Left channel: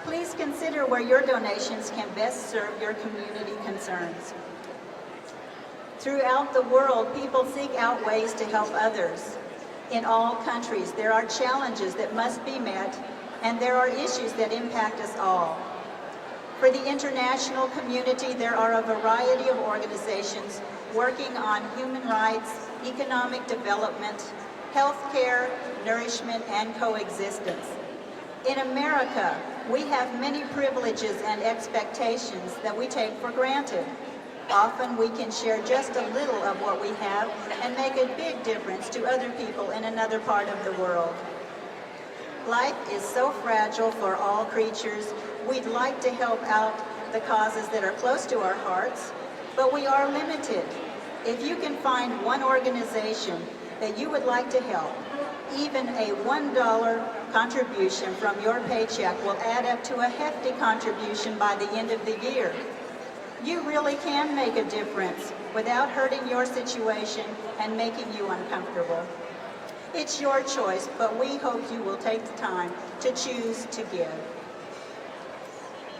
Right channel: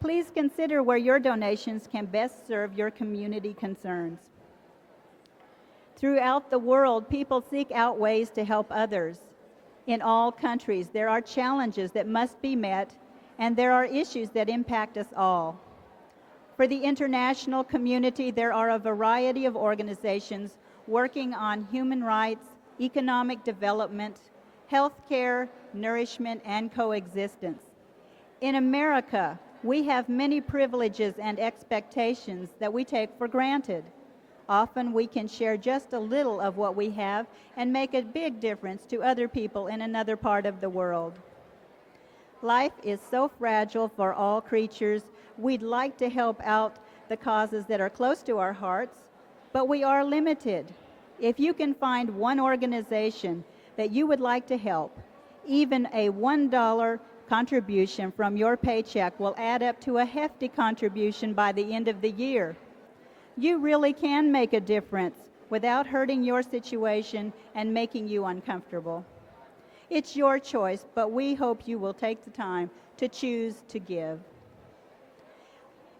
Please consider where your donations can best serve your community concerns. Throughout the world, people seek out ways to help others. In all countries, there are challenges that must be met, and there are issues that impact us all. For the international community, there are a variety of organizations working on human rights, economic development, healthcare, nourishment, and coexistence. In America, we have many privileges and expectations that we take for granted. Often we can share just a little of what we have and make a big difference to other people in another part of the world. Life is so fragile for all creatures. We'd like to help out the causes that are close to our hearts, but we are limited. If you can find one organization that you would like to help, even a $1 contribution from your paycheck will add up to a hefty contribution by the end of the year. You really can make a difference without hurting your situation and making you uncomfortable. It's your choice, but we hope you will take the time to choose to give.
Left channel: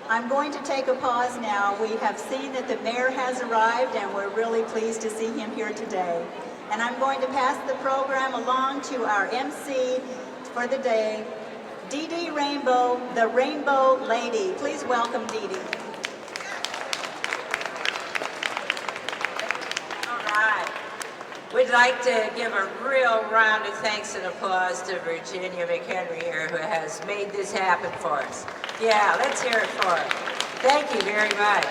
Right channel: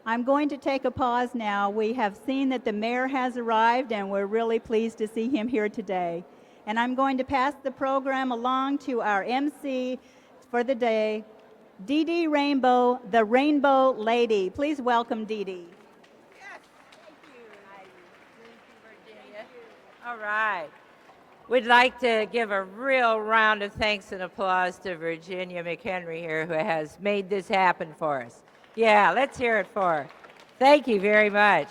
I'm going to take a pause now. We have seen that the mayor has arrived, and we're really pleased to see him here today. And I'm going to pass the program along to our MC for the day, Dee Dee Rainbow, the Rainbow Lady. Please welcome Dee Dee. We'd like to give a real round of thanks and applause to Virginia McHenry here, who has made this happen for us. Yeah, let's hear it for her. Thank you very much.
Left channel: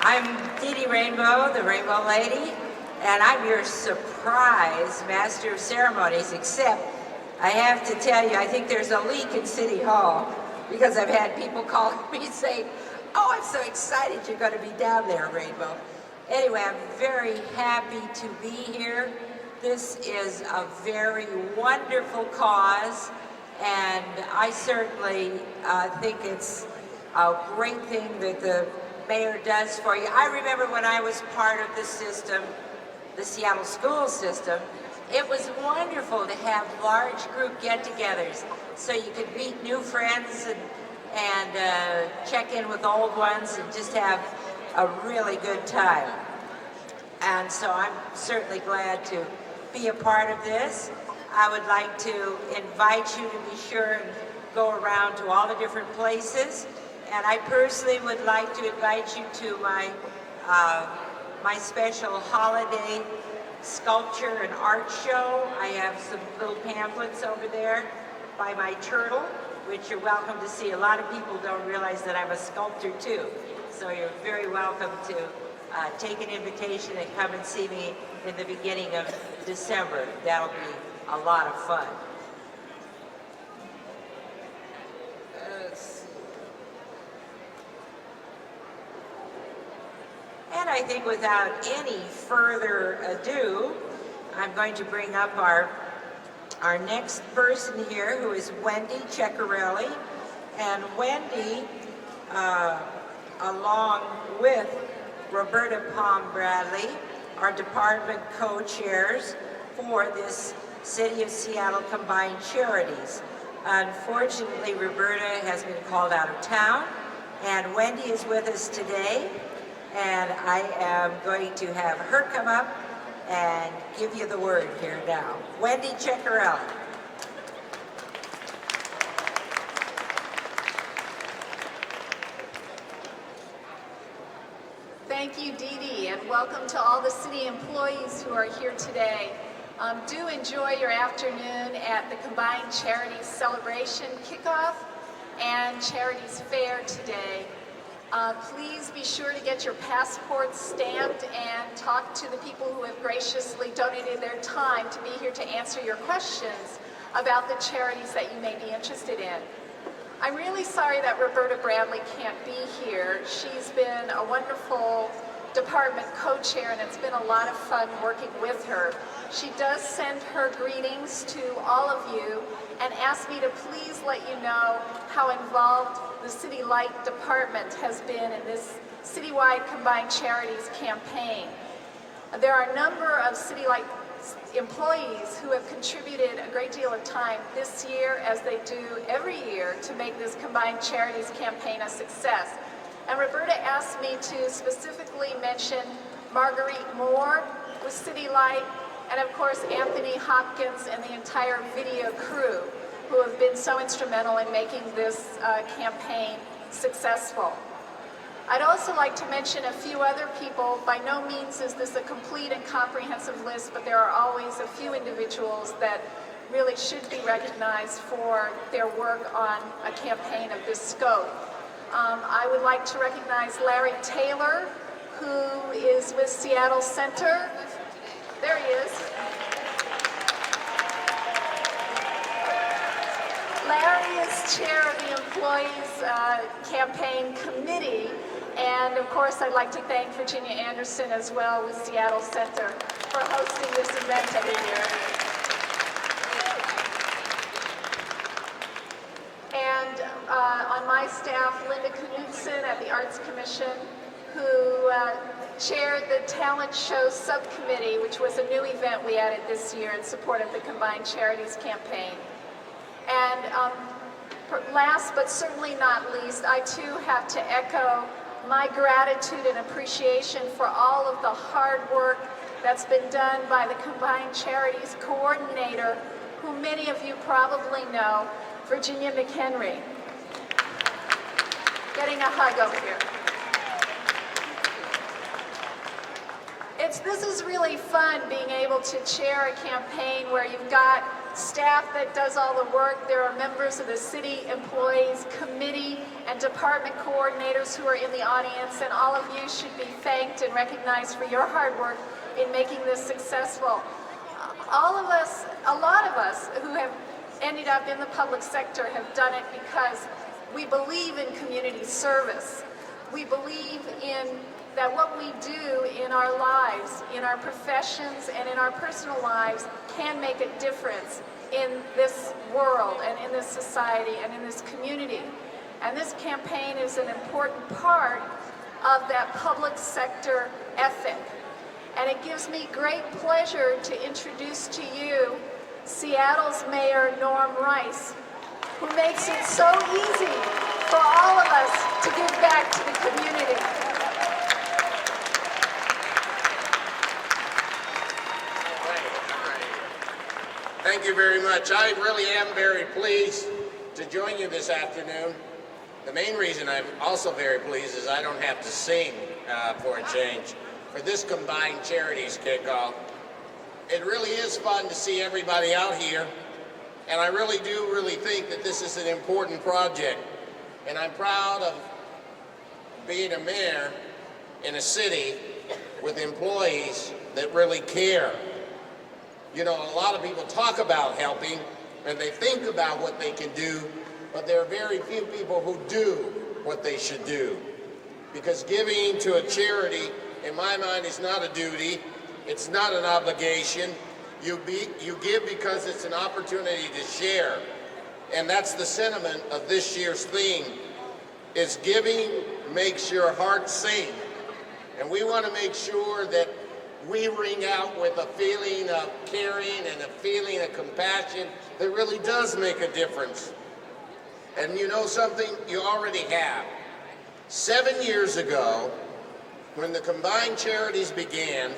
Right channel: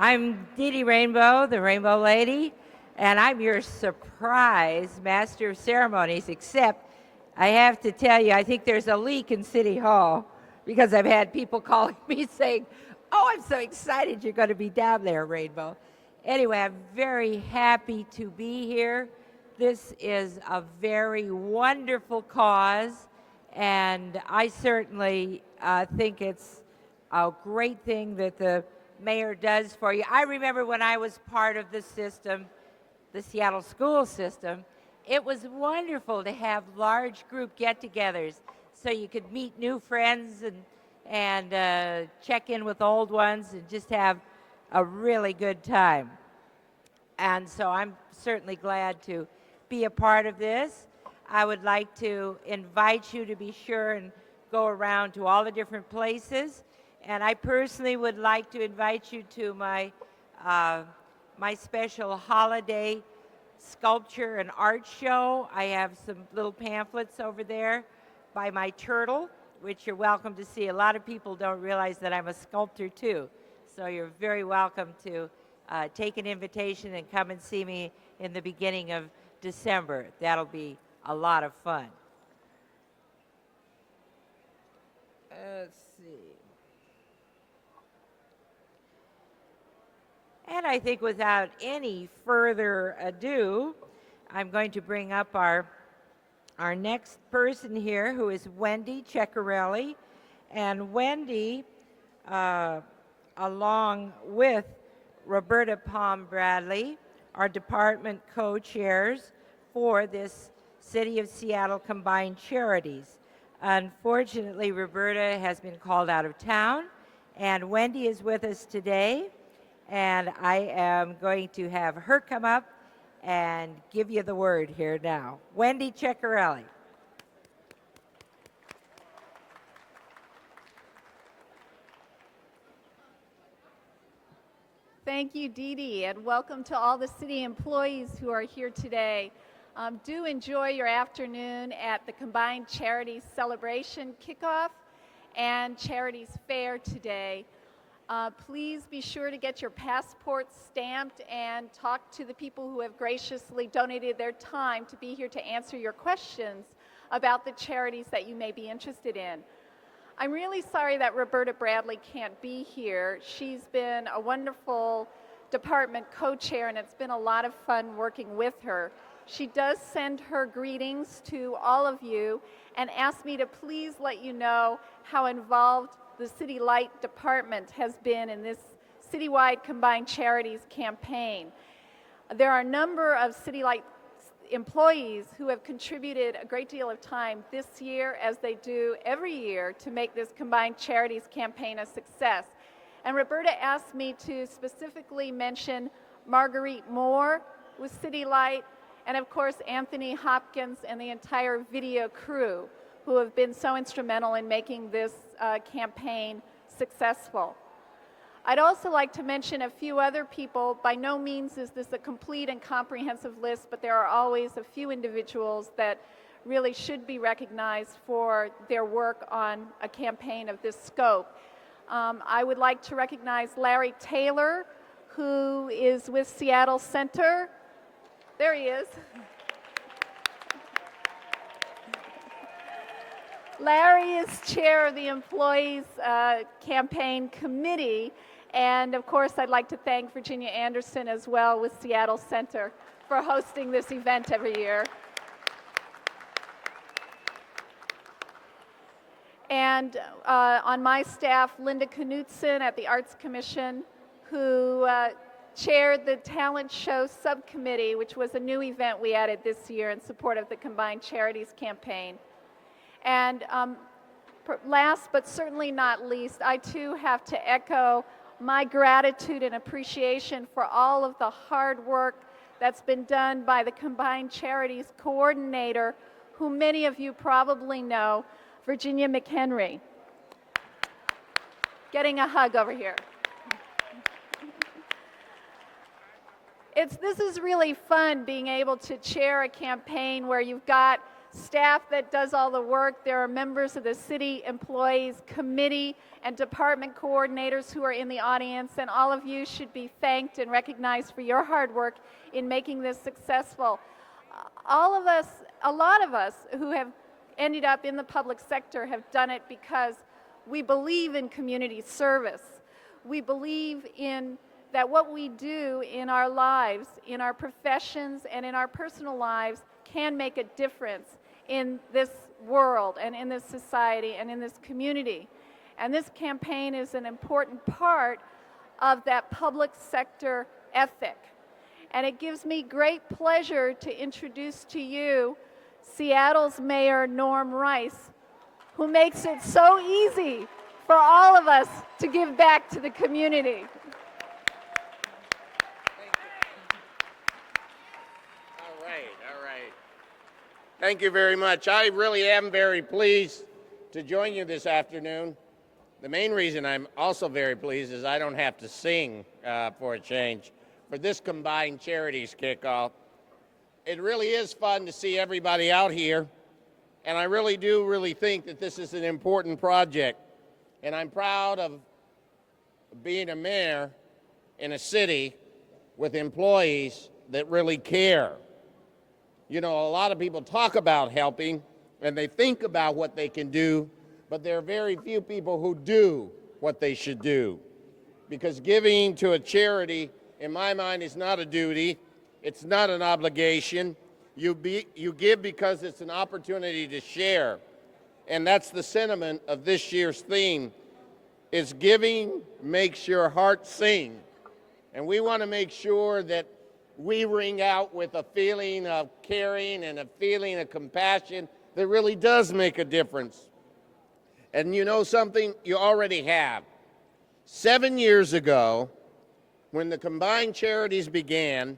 I'm Dee Dee Rainbow, the Rainbow Lady, and I'm your surprise Master of Ceremonies, except I have to tell you, I think there's a leak in City Hall, because I've had people call me saying, oh, I'm so excited you're going to be down there, Rainbow. Anyway, I'm very happy to be here. This is a very wonderful cause, and I certainly think it's a great thing that the mayor does for you. I remember when I was part of the system, the Seattle school system, it was wonderful to have large group get-togethers so you could meet new friends and check in with old ones and just have a really good time. And so I'm certainly glad to be a part of this. I would like to invite you to be sure and go around to all the different places. And I personally would like to invite you to my special holiday sculpture and art show. I have some little pamphlets over there by my turtle, which you're welcome to see. A lot of people don't realize that I'm a sculptor too. So you're very welcome to take an invitation and come and see me in the beginning of December. That'll be a lot of fun. And I think without any further ado, I'm going to bring up our next person here, who is Wendy Ceccarelli. And Wendy, along with Roberta Palm Bradley, our department co-chairs for this City of Seattle Combined Charities. Unfortunately, Roberta has been called out of town, and Wendy is with us today, and I am going to have her come up and give you the word here now. Wendy Ceccarelli. Thank you, Dee Dee, and welcome to all the city employees who are here today. Do enjoy your afternoon at the Combined Charities Celebration Kickoff and Charities Fair today. Please be sure to get your passports stamped and talk to the people who have graciously donated their time to be here to answer your questions about the charities that you may be interested in. I'm really sorry that Roberta Bradley can't be here. She's been a wonderful department co-chair, and it's been a lot of fun working with her. She does send her greetings to all of you and asked me to please let you know how involved the City Light Department has been in this citywide Combined Charities campaign. There are a number of City Light employees who have contributed a great deal of time this year, as they do every year, to make this Combined Charities campaign a success. And Roberta asked me to specifically mention Marguerite Moore with City Light, and of course Anthony Hopkins and the entire video crew who have been so instrumental in making this campaign successful. I'd also like to mention a few other people. By no means is this a complete and comprehensive list, but there are always a few individuals that really should be recognized for their work on a campaign of this scope. I would like to recognize Larry Taylor, who is with Seattle Center. There he is. Larry is chair of the Employees Campaign Committee. And of course, I'd like to thank Virginia Anderson as well with Seattle Center for hosting this event every year. And on my staff, Linda Knudsen at the Arts Commission, who chaired the Talent Show Subcommittee, which was a new event we added this year in support of the Combined Charities campaign. And last but certainly not least, I too have to echo my gratitude and appreciation for all of the hard work that's been done by the Combined Charities coordinator, who many of you probably know, Virginia McHenry. Getting a hug over here. This is really fun being able to chair a campaign where you've got staff that does all the work. There are members of the City Employees Committee and department coordinators who are in the audience, and all of you should be thanked and recognized for your hard work in making this successful. All of us, a lot of us who have ended up in the public sector have done it because we believe in community service. We believe in that what we do in our lives, in our professions and in our personal lives can make a difference in this world and in this society and in this community. And this campaign is an important part of that public sector ethic. And it gives me great pleasure to introduce to you Seattle's Mayor Norm Rice, who makes it so easy for all of us to give back to the community. Thank you very much. I really am very pleased to join you this afternoon. The main reason I'm also very pleased is I don't have to sing for a change. For this Combined Charities kickoff, it really is fun to see everybody out here, and I really do think that this is an important project. And I'm proud of being a mayor in a city with employees that really care. You know, a lot of people talk about helping, and they think about what they can do, but there are very few people who do what they should do. Because giving to a charity, in my mind, is not a duty. It's not an obligation. You give because it's an opportunity to share. And that's the sentiment of this year's theme, is giving makes your heart sing. And we want to make sure that we ring out with a feeling of caring and a feeling of compassion that really does make a difference. And you know something? You already have. 7 years ago, when the Combined Charities began,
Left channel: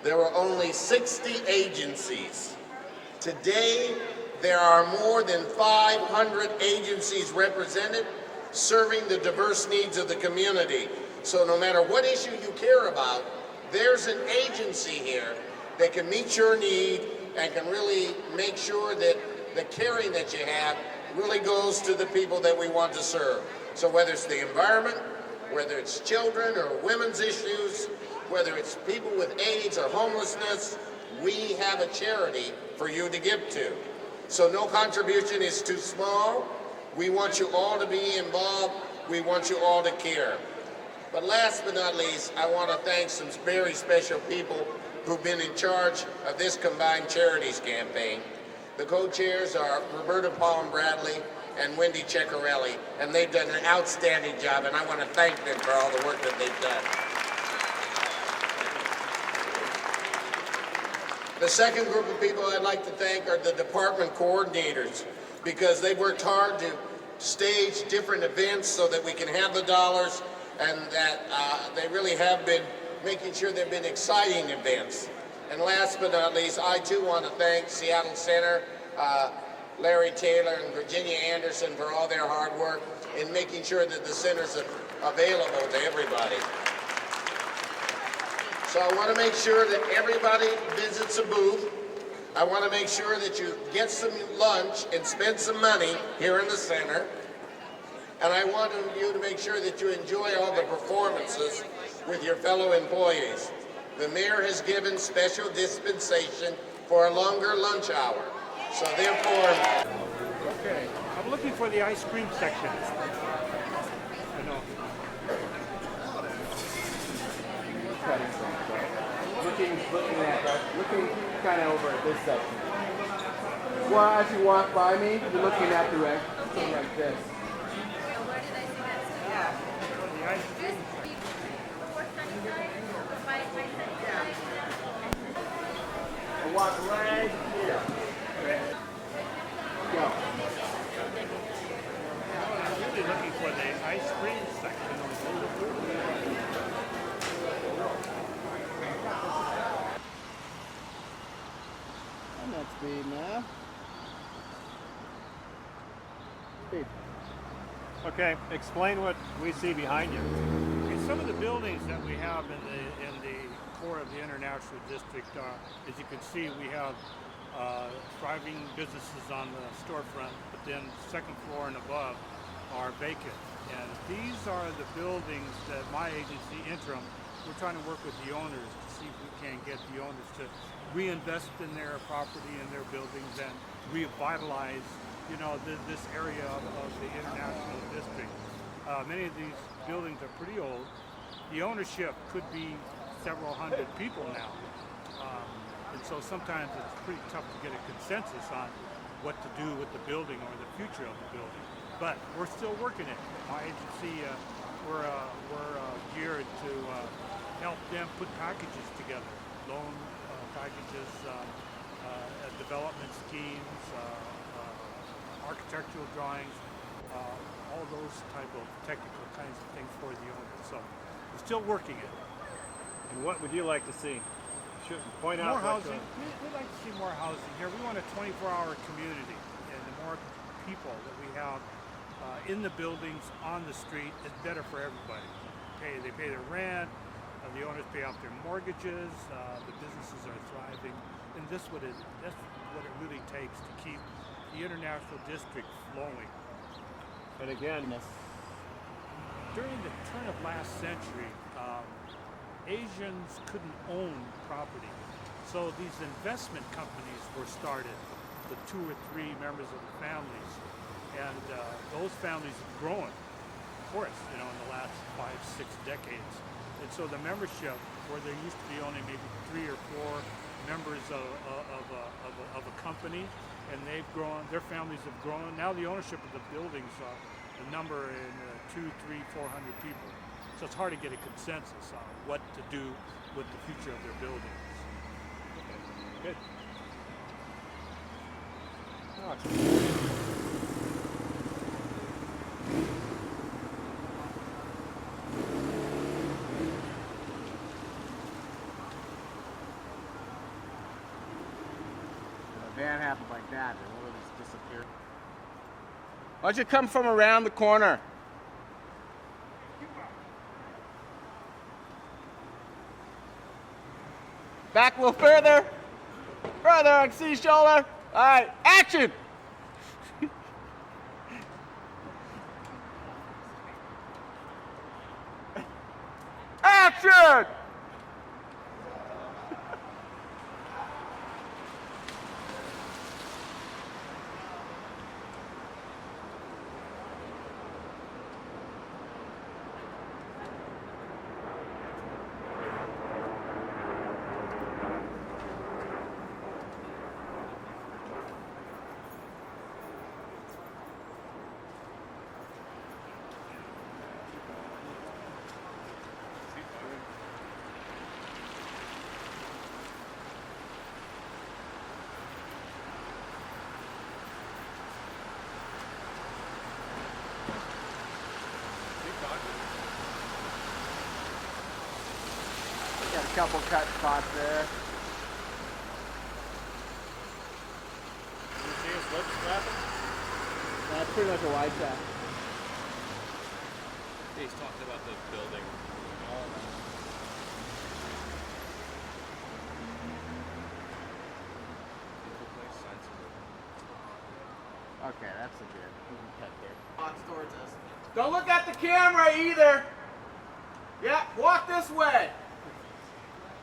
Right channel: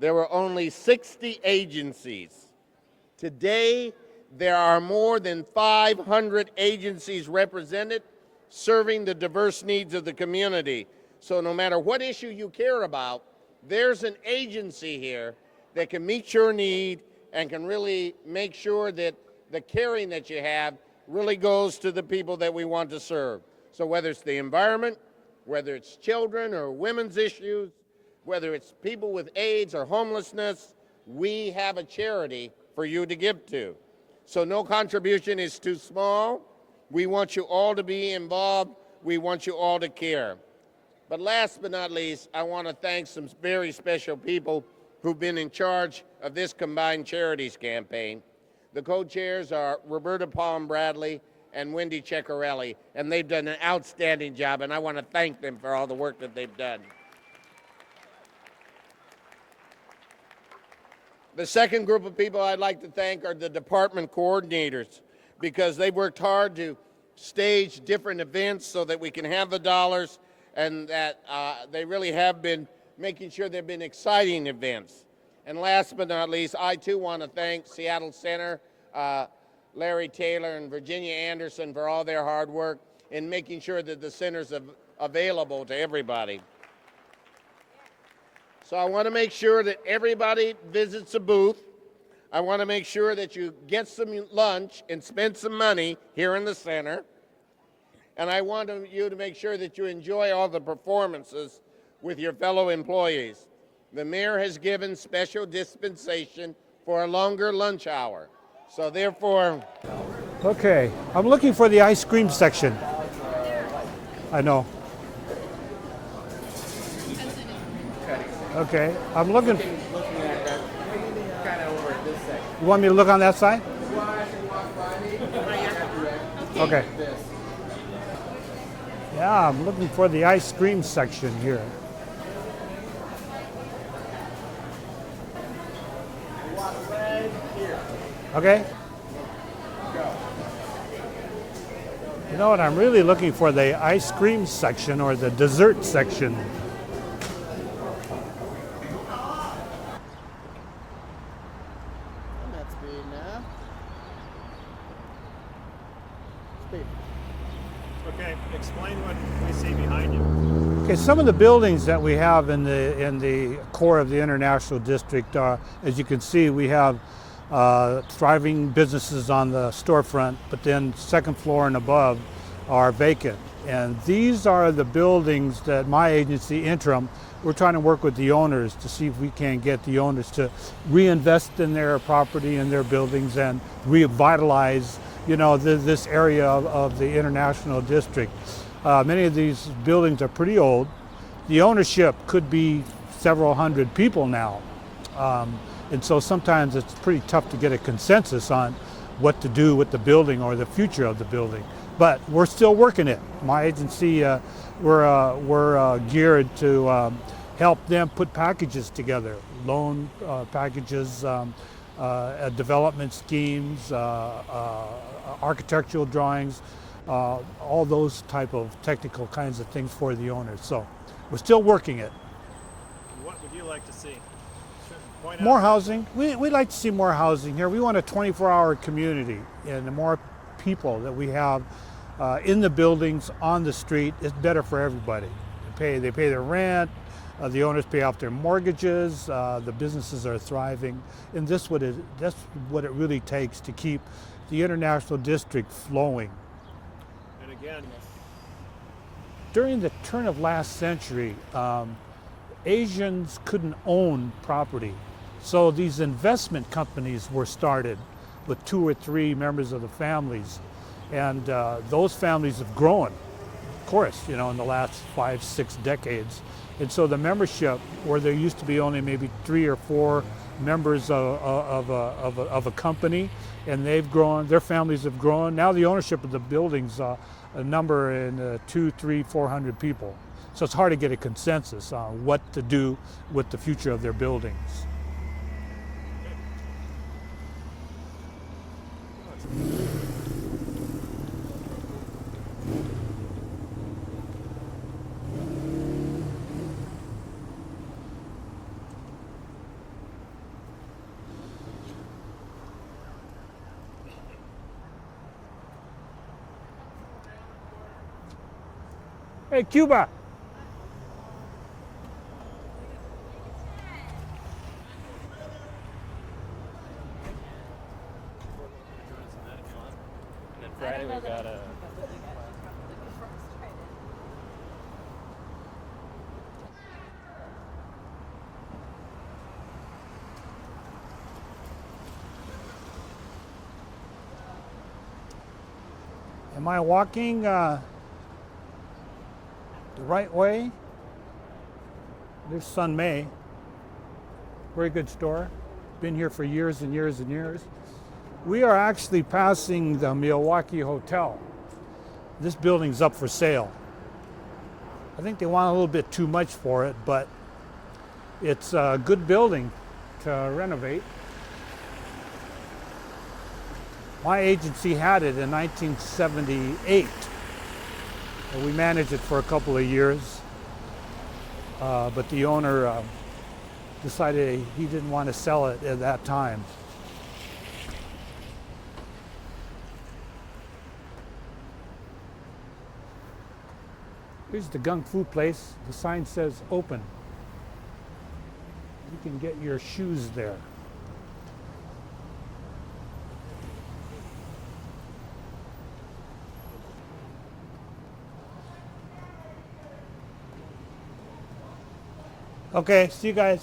there were only 60 agencies. Today, there are more than 500 agencies represented, serving the diverse needs of the community. So no matter what issue you care about, there's an agency here that can meet your need and can really make sure that the caring that you have really goes to the people that we want to serve. So whether it's the environment, whether it's children or women's issues, whether it's people with AIDS or homelessness, we have a charity for you to give to. So no contribution is too small. We want you all to be involved. We want you all to care. But last but not least, I want to thank some very special people who've been in charge of this Combined Charities campaign. The co-chairs are Roberta Palm Bradley and Wendy Ceccarelli, and they've done an outstanding job, and I want to thank them for all the work that they've done. The second group of people I'd like to thank are the department coordinators, because they worked hard to stage different events so that we can have the dollars, and that they really have been making sure they've been exciting events. And last but not least, I too want to thank Seattle Center, Larry Taylor and Virginia Anderson for all their hard work in making sure that the center's available to everybody. So I want to make sure that everybody visits a booth. I want to make sure that you get some lunch and spend some money here in the center. And I want you to make sure that you enjoy all the performances with your fellow employees. The mayor has given special dispensation for a longer lunch hour. So therefore... Okay, I'm looking for the ice cream section. I know. Okay, I'm looking Looking kind of over at this section. You want me to look on that side? Well, as you walk by me, you're looking in that direction. Okay. This. Yeah, I'm looking for the ice cream section here. Walk right here. Okay? Go. You know what, I'm really looking for the ice cream section or the dessert section. That's big enough. Big. Okay, explain what we see behind you. Okay, some of the buildings that we have in the core of the International District are, as you can see, we have thriving businesses on the storefront, but then second floor and above are vacant. And these are the buildings that my agency, Interim, we're trying to work with the owners to see if we can get the owners to reinvest in their property and their buildings and revitalize, you know, this area of the International District. Many of these buildings are pretty old. The ownership could be several hundred people now. And so sometimes it's pretty tough to get a consensus on what to do with the building or the future of the building. But we're still working it. My agency, we're geared to help them put packages together, loan packages, development schemes, architectural drawings, all those type of technical kinds of things for the owners. So we're still working it. What would you like to see? Point out More what- housing. We'd like to see more housing here. We want a 24-hour community, and the more people that we have in the buildings, on the street, it's better for everybody. They pay their rent, the owners pay off their mortgages, the businesses are thriving, and that's what it really takes to keep the International District flowing. And again, During the turn of last century, Asians couldn't own property. So these investment companies were started with 2 or 3 members of the families. And those families have grown, of course, you know, in the last 5, 6 decades. And so the membership, where there used to be only maybe 3 or 4 members of a company, and they've grown, their families have grown. Now the ownership of the buildings a number in 200, 300, 400 people. So it's hard to get a consensus on what to do with the future of their buildings. A van happened like that, and all of us disappeared. Why don't you come from around the corner? Hey, Cuba! Back a little further. Further, I can see your shoulder. All right, action! Friday we got Action! Am I walking the right way? This is Sun May. Very good store. Been here for years and years and years. We are actually passing the Milwaukee Hotel. This building's up for sale. I think they want a little bit too much for it, but it's a good building to renovate. My agency had it in 1978. And we managed it for a couple of years. But the owner Got a couple cut spots decided there. he didn't want to sell it at that time. That's pretty much a wide shot. Here's the Gung Fu place. The sign says open. You can get your shoes there. Okay, that's secure. Don't look at the camera either. Yeah, walk this way. Okay, see you guys.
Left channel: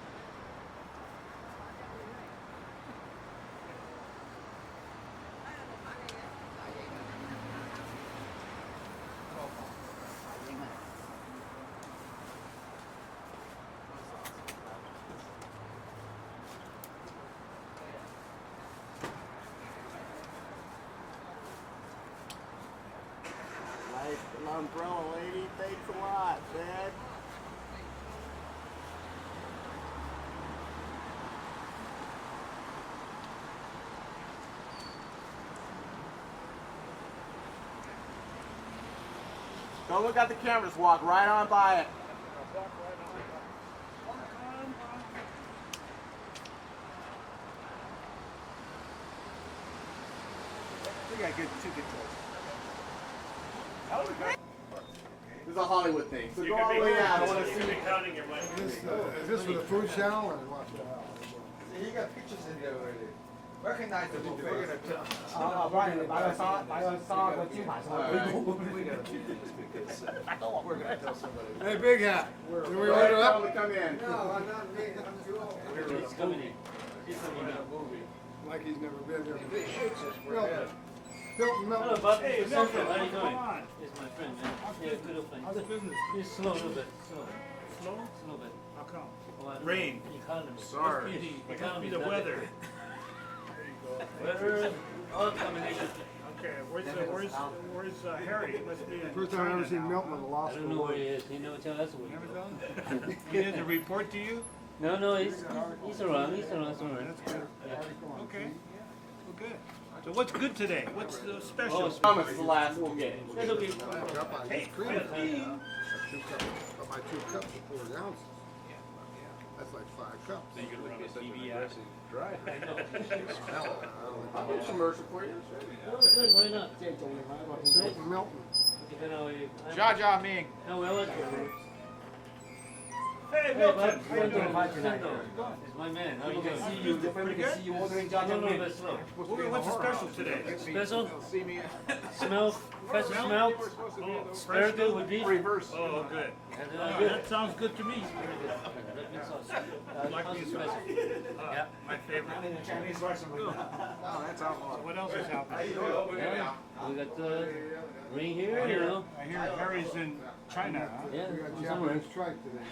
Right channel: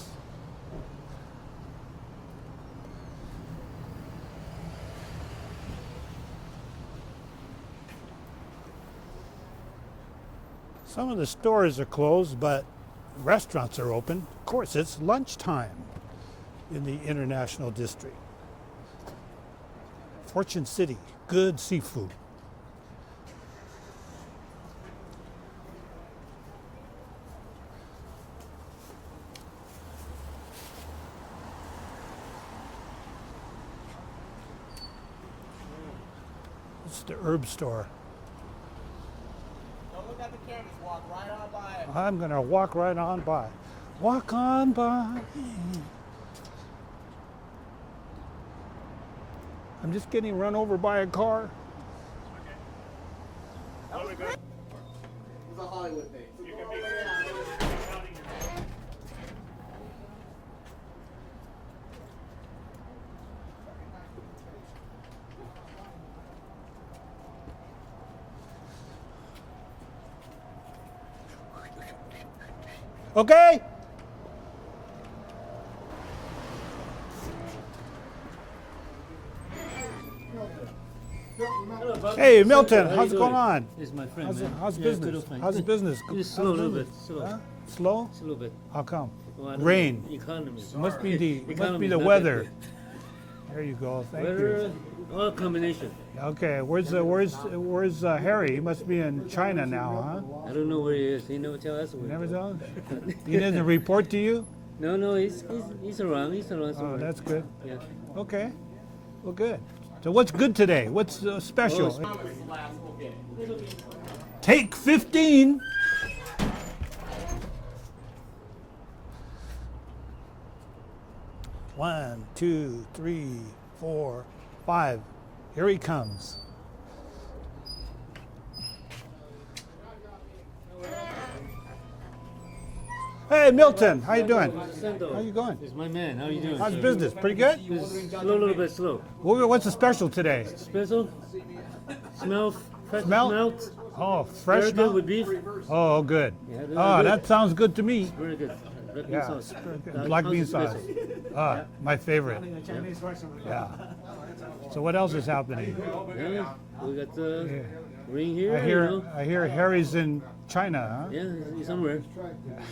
Some of the stores are closed, but restaurants are open. Of course, it's lunchtime in the International District. Fortune City, good seafood. Nice umbrella lady, thanks a lot, man. It's the herb store. Don't look at the cameras, walk right on by it. I'm gonna walk right on by. Walk on by. I'm just getting run over by a car. This is a Hollywood thing. So go all the way out. I want to see. Is this for the food channel or what? You got pictures in there already. Recognize the face. Hey, Big Hat. Can we order Okay. Come in. No, I'm not big. Like he's never been there. Milton, Milton. Hey, Milton, how's it going on? This is my friend. How's, man. how's Yeah, business? good old friend. How's business? It's slow a little bit. Slow. Huh? Slow? It's a little bit. How come? Well, I don't know. Rain. Economy. Must be the Economy, not weather. that There you go. good. Thank Weather, you. all combination. Okay, where's Harry? He must be in First time I've China ever seen now, Milton huh? in Los I don't know where he is. He never tell us. You never saw him? He doesn't report to you? No, he's around. He's around Oh, somewhere. that's good. Yeah. Okay. Well, good. So what's good today? What's special? Promise the last we'll get. That's okay. Take 15. That's like 5 cups. 1, 2, 3, 4, 5. Here he comes. Why not? Milton. Jaja Ming. Oh, well, Hey, Milton, how you doing? how How you going? It's my man. How you doing? How's business? Pretty good? Slow, a little bit slow. What's the special today? Special. Smell. Fresh Smell? smelt. Oh, fresh Very good milk? with beef. Oh, good. Yeah, they're Oh, good. that sounds good to me. Very good. Black bean Yeah. sauce. Black bean How's the sauce. special? Ah, my favorite. Yeah. So what else is happening? Yeah, we got ring here. I you know. hear Harry's in China, huh? Yeah, somewhere.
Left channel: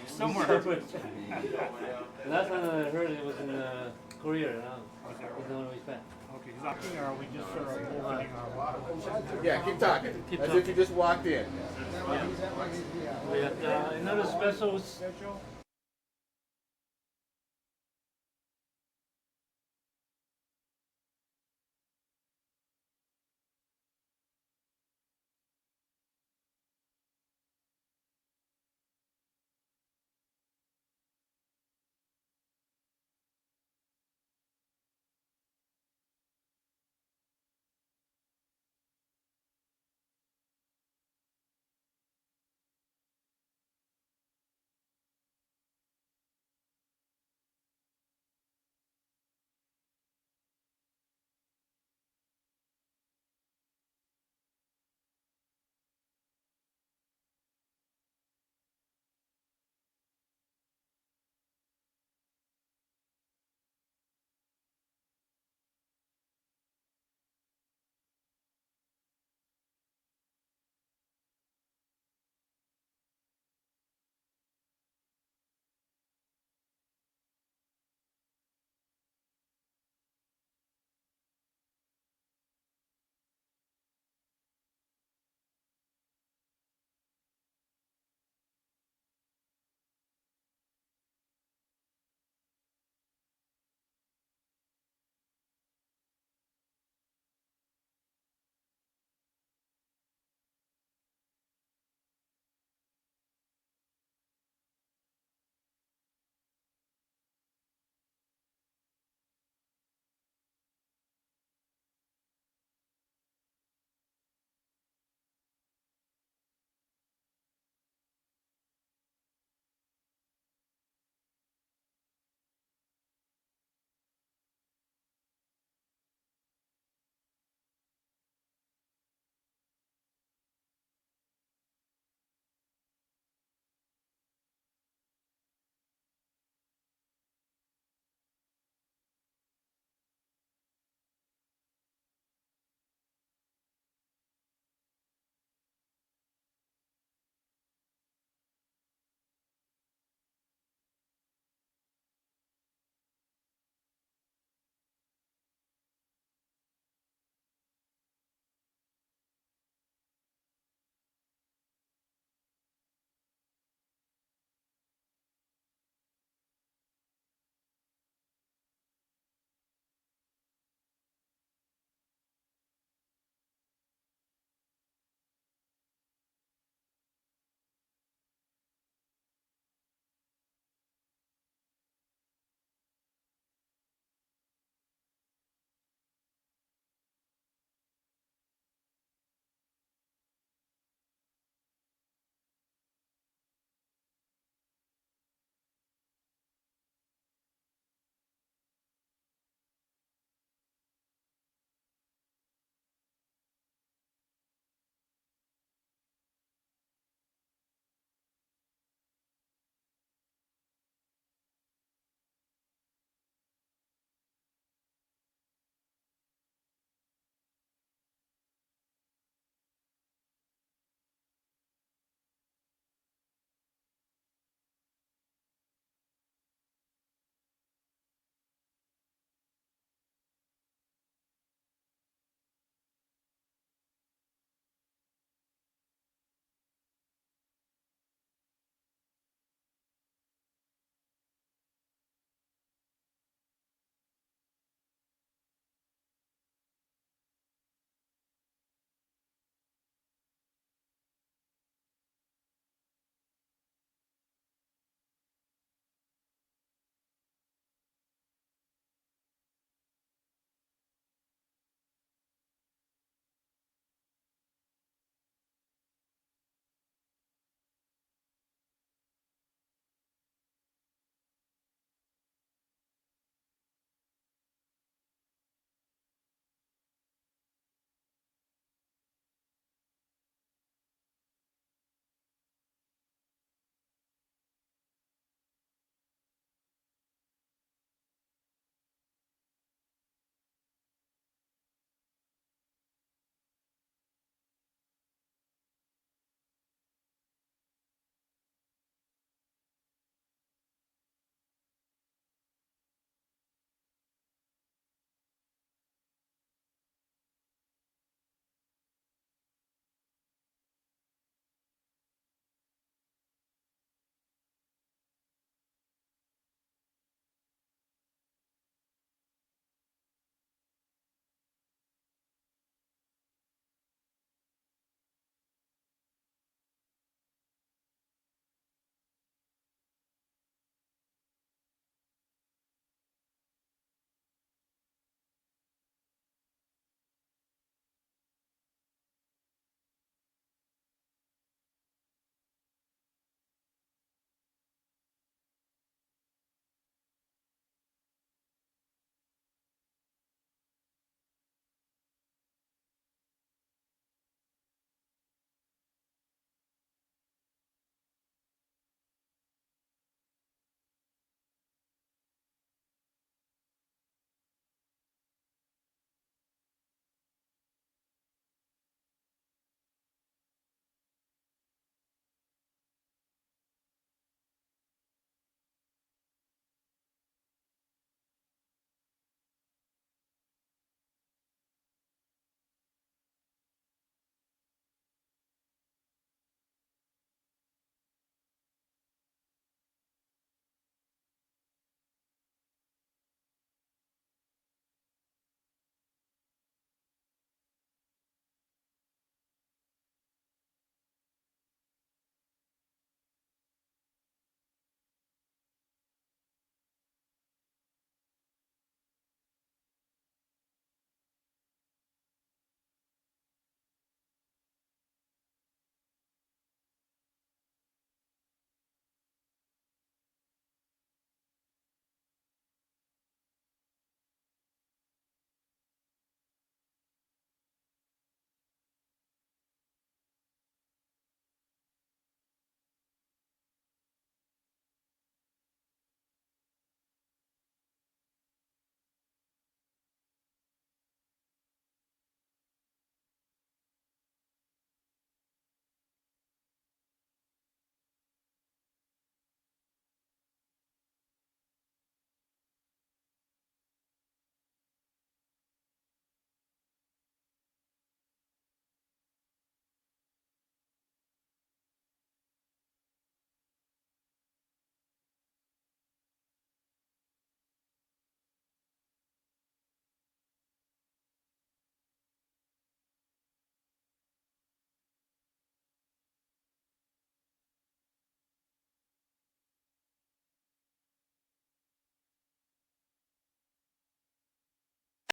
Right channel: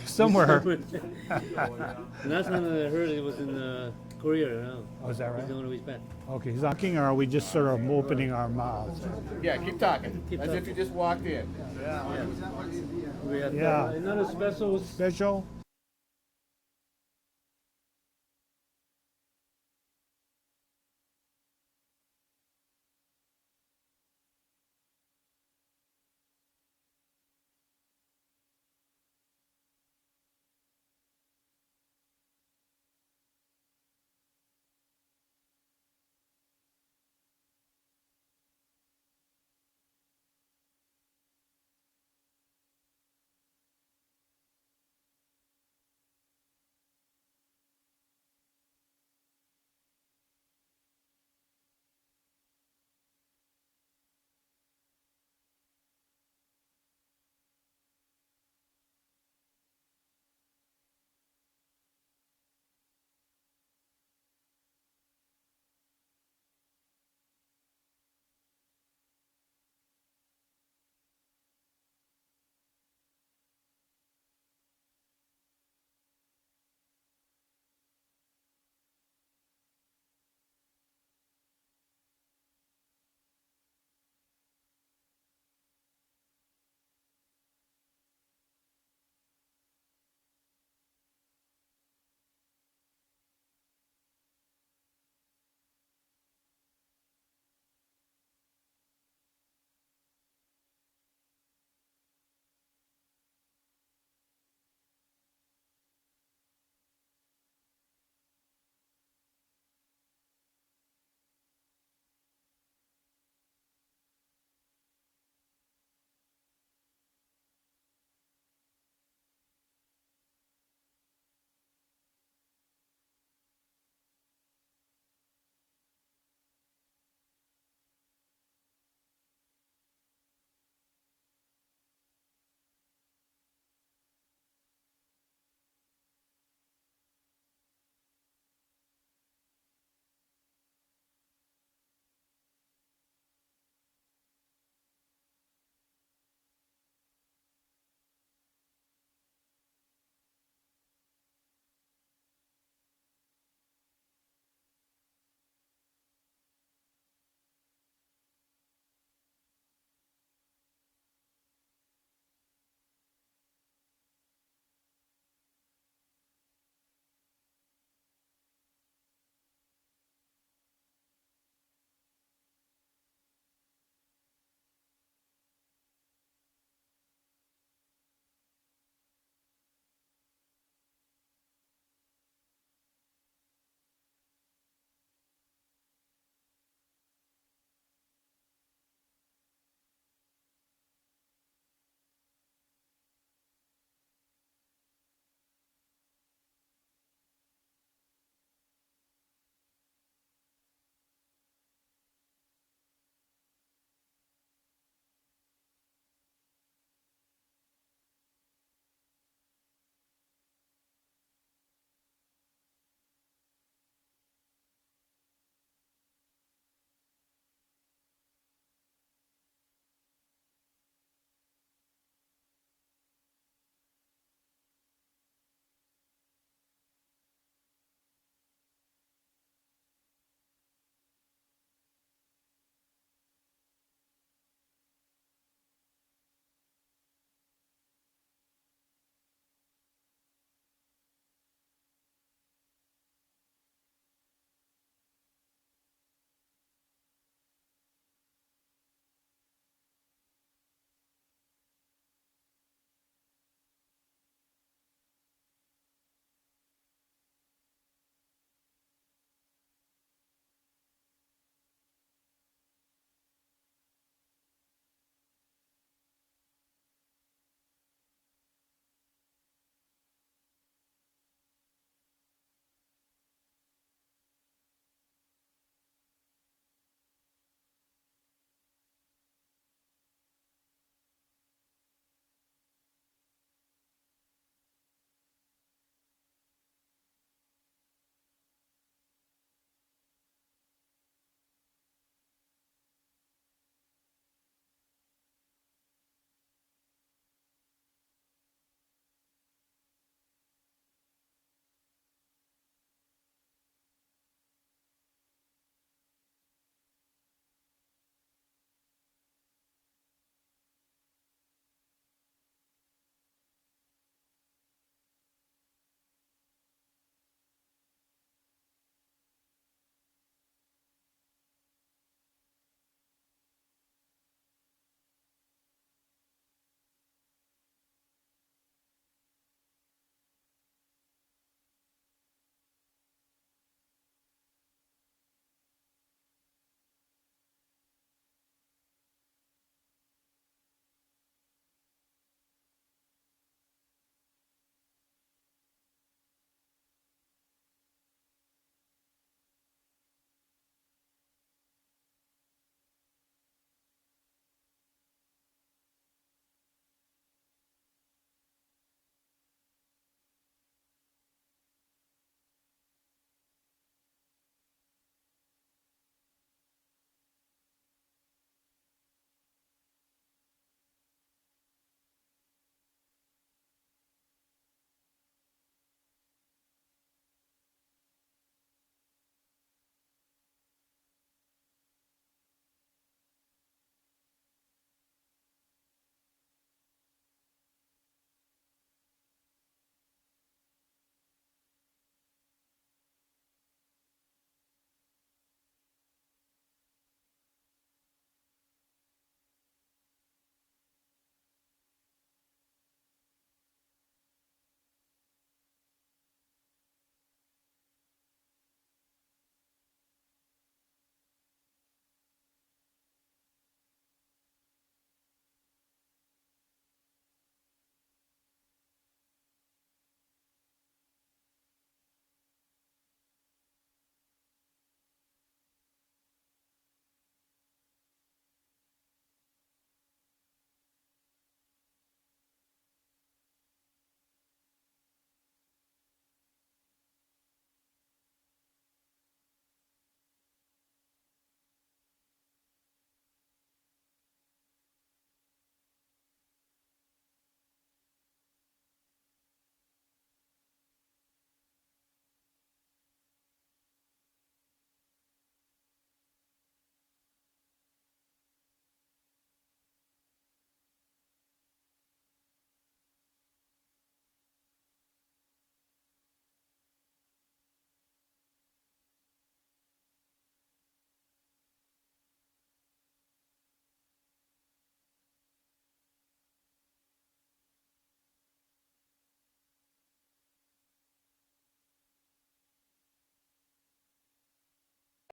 Somewhere. Last time I heard it was in Korea. Now. Was that right? The one we spent. Okay, he's talking, or are we just sort of opening our mouths? Yeah, keep talking. As if you just walked in. We have Yeah. another special. Special?